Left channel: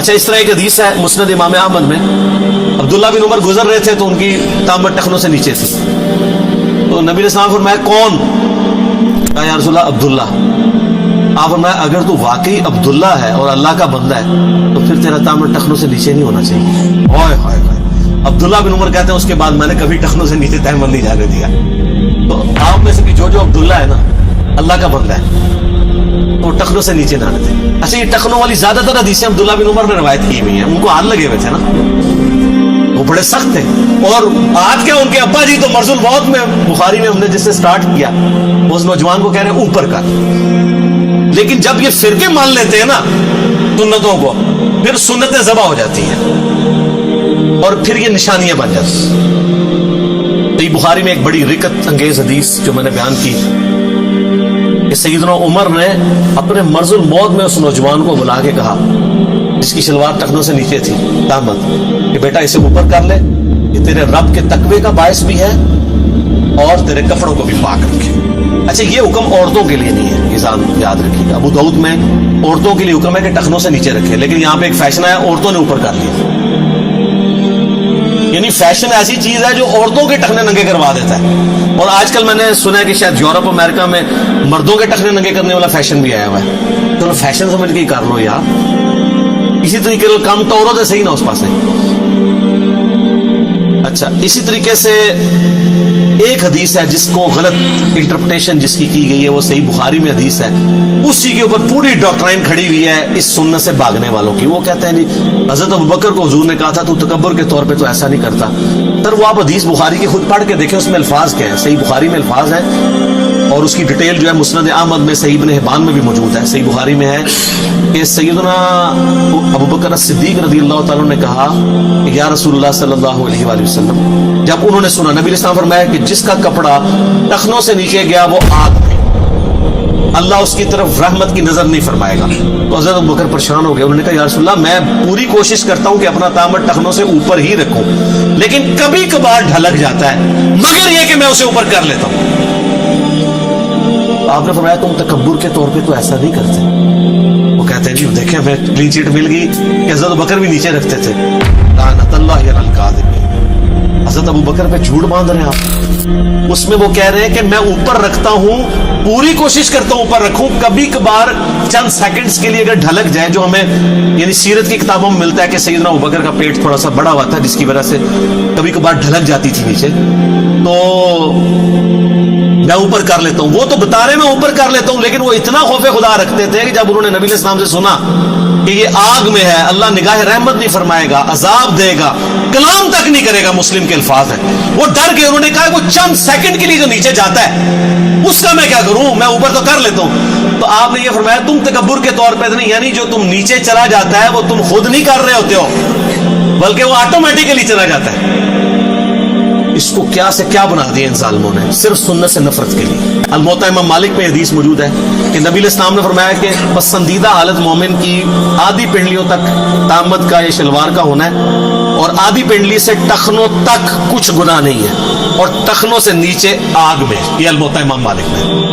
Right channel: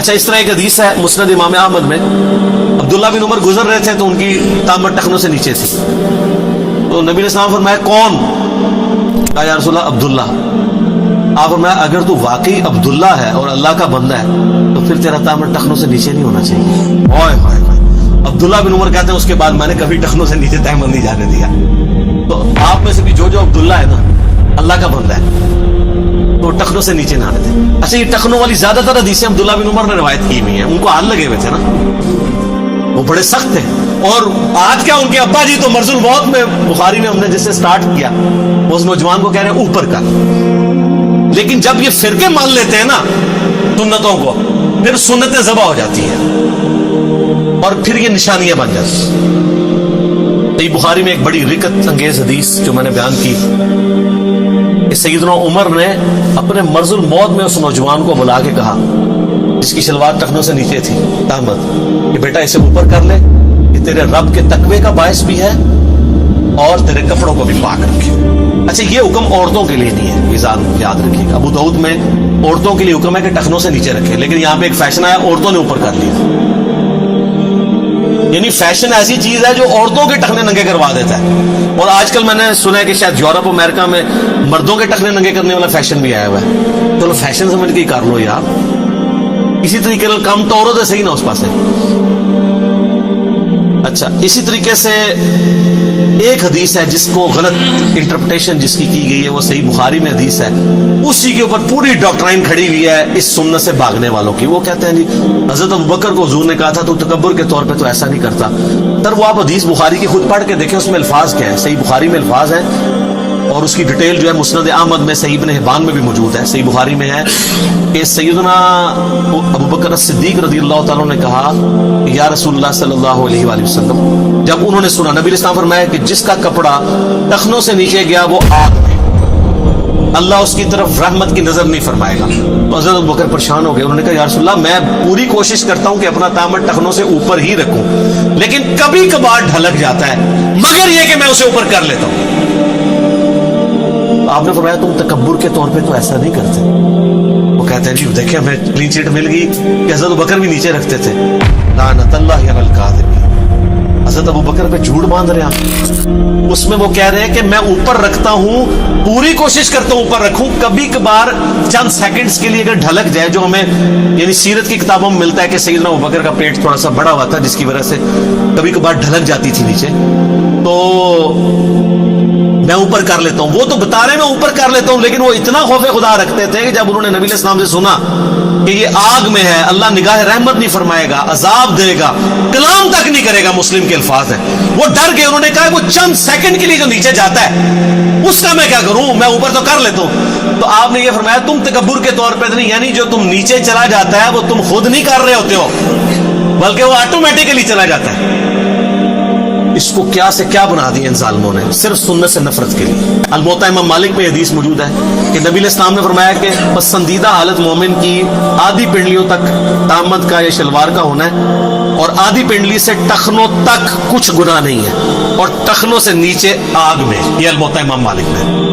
اچھا اس طرح ایک حدیث ہے مسند امام احمد میں، عبداللہ بن عمر گزر رہے تھے تو ان کی تامت ٹخنوں سے نیچے تھی، تو نبی علیہ السلام فرمایا کون؟ کہا یا رسول اللہ عبداللہ۔ آپ فرمایا اگر تو واقعی عبداللہ ہے اور اللہ کا بندہ ہے تو پھر تیرا تامت ٹخنوں سے نیچے نہیں ہونا چاہیے۔ اوئے ہائے ہائے، عبداللہ بن عمر کہتے ہیں اس کے بعد میں نے کبھی ٹخنوں سے نیچے تہمت نہیں جانے دیا۔ تو آپ میں سے بھی جو عبداللہ ہے نا، اللہ کا بندہ ہے، تو ٹخنوں سے نیچے نہ آنے دیں۔ اچھا یہ ٹخنوں والی زیادہ تر حدیثیں عبداللہ بن عمر نے روایت کی ہوئی ہیں، ان کو ہاتھ لگے ہوئے تھے نا، وہ بڑے سخت تھے۔ اور آج کیا ان کے ابا جی تو مرض الموت میں، بخاری میں ہم نے جس سے سٹارٹ کیا، اس نوجوان کو کہہ رہے ہیں اوپر کا، لیکن جب یہ فرقے مان لیتے ہیں نا سنتوں کو، پھر سنتیں ذبح ہو جاتی ہیں اور پھر یہ نشانیاں بن جاتی ہیں۔ تو یہ بخاری میں ایک بڑی رکت انگیز حدیث جو میں نے بیان کی کہ سیدنا عمر نے اپنے مرض الموت میں اس نوجوان کو بلا کے کہا جس کی شلوار ٹخنوں سے نیچے تھی تامت، کہ بیٹا اسے اوپر کر لے، یہ تیرے رب کے تقوی کا باعث بھی ہے اور تیرے کپڑوں کو بھی پاک رکھے۔ اچھا یہ حکم عورتوں کے لیے نہیں ہے، یہ یاد رکھیے گا، ابو داؤد میں عورتوں کے لیے حکم ہے کہ ٹخنوں سے نیچے رکھے، لیکن یہاں پہ ایک فیشن آیا عورتوں نے اوپر کر لیا، یعنی فیشن ایسی چیز ہے جو عورتوں کے ٹخنے ننگے کروا دیتا ہے۔ اور آج کل میں نے سنا ہے کہ شاید یورپ امریکہ میں مردوں کے ٹخنے ننگے کرنے والا فیشن بھی آیا ہوا ہے۔ چلو فیشن سمجھ کے ہی کر لو یار، اسی طریقے سے کم تو عورت ہے صحیح نا اس پاس ہے۔ اچھا اسی طریقے سے ایک حدیث ہے جس کو غلط انٹرپریٹیشن جس کی گئی ہے، وہ صحیح بخاری میں حدیث ہے، اسی کے اوپر پوری ڈاکٹرائن کھڑی ہوئی ہے اس سنت سے بھاگنے والوں کی۔ وہ کہتے ہیں جی حضرت ابوبکر کو حضور نے کہا تھا تو تکبر کے طور پہ تو ایسا نہیں کرتا۔ سر وہ آپ حدیث بخاری کی خود پڑھ کے دیکھیں، اس میں الفاظ کیا ہیں، صحیح بخاری میں الفاظ ہیں اور اس کی ڈیٹیل جو ہے مسند احمد میں، صحیح ابن حبان میں بھی موجود ہے۔ صحیح بخاری میں ہے کہ سیدنا ابوبکر صدیق رضی اللہ تعالیٰ نے کہا کہ یا رسول اللہ صلی اللہ علیہ وآلہ وسلم، جب انہوں نے سنا، نبی علیہ السلام فرمایا کہ جس کا کپڑا ٹخنوں سے نیچے گیا وہ آگ میں، اللہ اس کی طرف رحمت کی نظر نہیں فرمائے گا۔ تو حضرت ابوبکر پریشان ہو گئے، انہوں نے کہا یا رسول اللہ میں پوری کوشش کرتا ہوں کہ اپنا تامت ٹخنوں سے اوپر ہی رکھوں، لیکن کبھی کبھار ڈھلک جاتا ہے، مگر یہ کہ میں اسے اوپر کر لیتا ہوں۔ آپ نے فرمایا تم تکبر کے طور پہ تو ایسا نہیں کرتے۔ وہ کہتے ہیں جی دیکھیں ہمیں کلین چیٹ مل گئی کہ حضرت ابوبکر بھی نیچے رکھتے تھے۔ لعنت اللہ علی الکاذبین، حضرت ابوبکر پہ جھوٹ باندھ رہے ہیں آپ۔ اس میں وہ کہہ رہے ہیں کہ میں اوپر رکھتا ہوں، پوری کوشش کرتا ہوں اوپر رکھوں، کبھی کبھار چند سیکنڈز کے لیے اگر ڈھلک جائے، جو ہمیں یعنی سیرت کی کتابوں میں ملتا ہے کہ سیدنا ابوبکر کا پیٹ تھوڑا سا بڑا ہوا تھا جس کی وجہ سے کبھی کبھار ڈھلک جاتی تھی نیچے، تو میں اوپر کر لیتا ہوں۔ وہ تو بتا رہے میں اوپر کر لیتا ہوں، لیکن وہ اتنا خوف خدا رکھتے تھے کہ جب انہوں نے نبی علیہ السلام سے سنا کہ یہ آگ میں ہے، اللہ نگاہ رحمت نہیں فرمائے گا، عذاب دے گا، کلام تک نہیں کرے گا، مسلم کے الفاظ ہیں، وہ ڈر گئے۔ انہوں نے کہا وہ چند سیکنڈ کے لیے جو نیچے جاتا ہے اس کا میں کیا کروں، میں اوپر تو کر لیتا ہوں۔ تو آپ نے یہ فرمایا تم تکبر کے طور پہ نہیں، یعنی جو تم نیچے چلا جاتا ہے وہ تم خود نہیں کر رہے ہوتے ہو، بلکہ وہ آٹومیٹیکلی چلا جاتا ہے۔ اس کو کیا سے کیا بنا دیا ان ظالموں نے، صرف سنت سے نفرت کے لیے۔ الموطا امام مالک میں حدیث موجود ہے کہ نبی علیہ السلام نے فرمایا کہ پسندیدہ حالت مومن کی آدھی پنڈلیوں تک تامت کا یا شلوار کا ہونا ہے، اور آدھی پنڈلی سے ٹخنوں تک کچھ گناہ نہیں ہے، اور ٹخنوں سے نیچے آگ میں۔ یہ الموطا امام مالک میں۔